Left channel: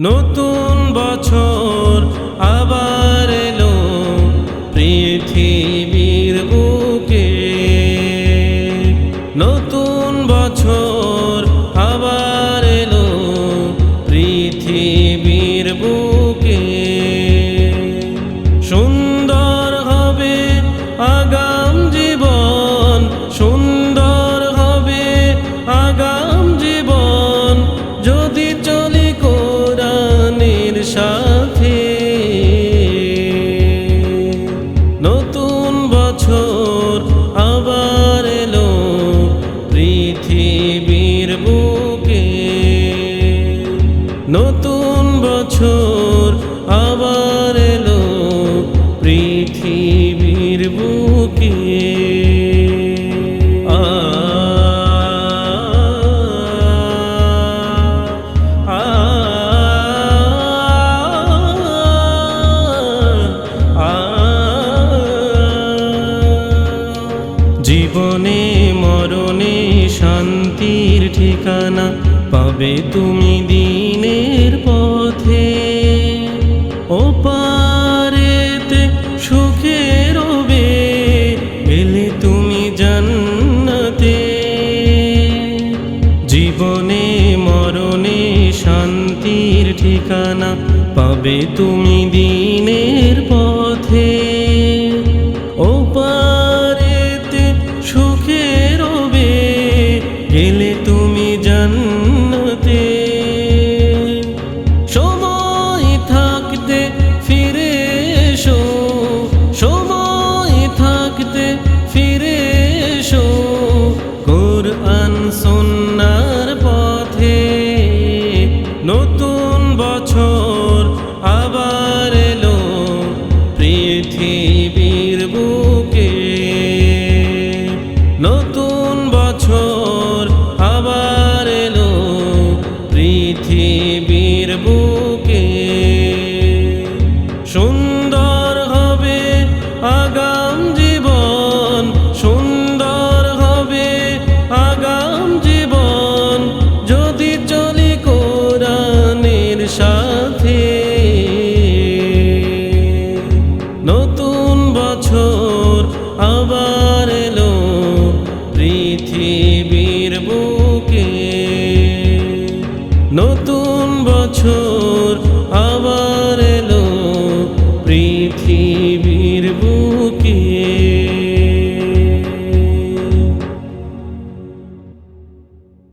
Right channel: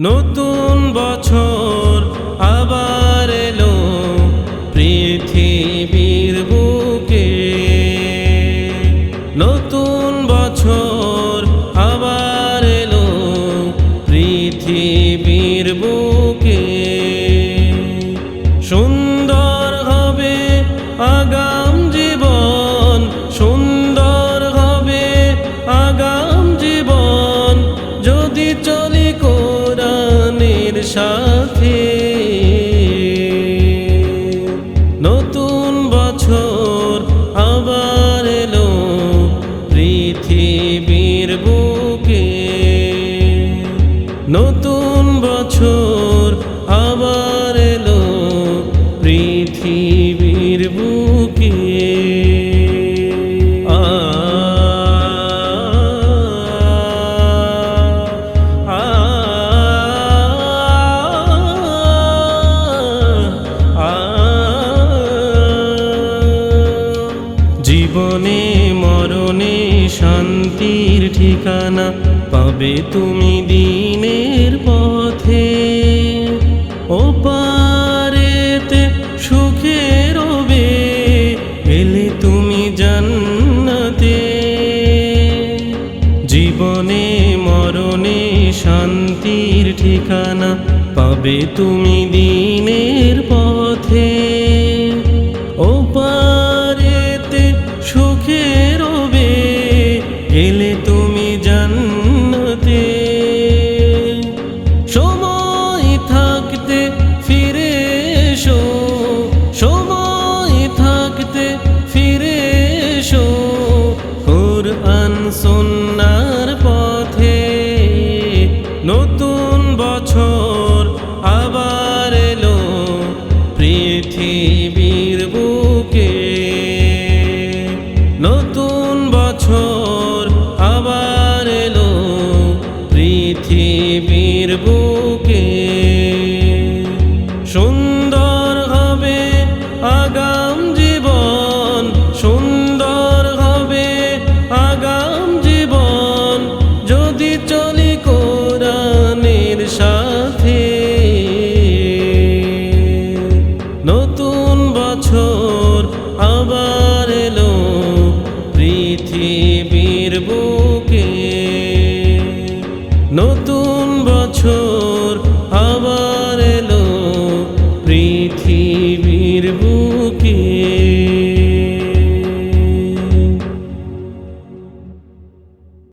নতুন বছর আবার এলো পৃথিবীর বুকে। নতুন বছর আবার এলো পৃথিবীর বুকে। সুন্দর হবে আগাম জীবন, সুন্দর হবে আগাম জীবন, যদি চলি কোরআনের সাথে। নতুন বছর আবার এলো পৃথিবীর বুকে। নতুন বছর আবার এলো পৃথিবীর বুকে। জীবনে মরণে শান্তির ঠিকানা পাবে তুমি দিনের পথে। ওপারেতে সুখে রবে গেলে তুমি জান্নাতে। জীবনে মরণে শান্তির ঠিকানা পাবে তুমি দিনের পথে। ওপারেতে সুখে রবে গেলে তুমি জান্নাতে। সময় থাকতে ফিরে এসো, সময় থাকতে ফিরে এসো কোরআন সুন্নাহর পথে। নতুন বছর আবার এলো পৃথিবীর বুকে। নতুন বছর আবার এলো পৃথিবীর বুকে। সুন্দর হবে আগাম জীবন, সুন্দর হবে আগাম জীবন, যদি চলি কোরআনের সাথে। নতুন বছর আবার এলো পৃথিবীর বুকে। নতুন বছর আবার এলো পৃথিবীর বুকে।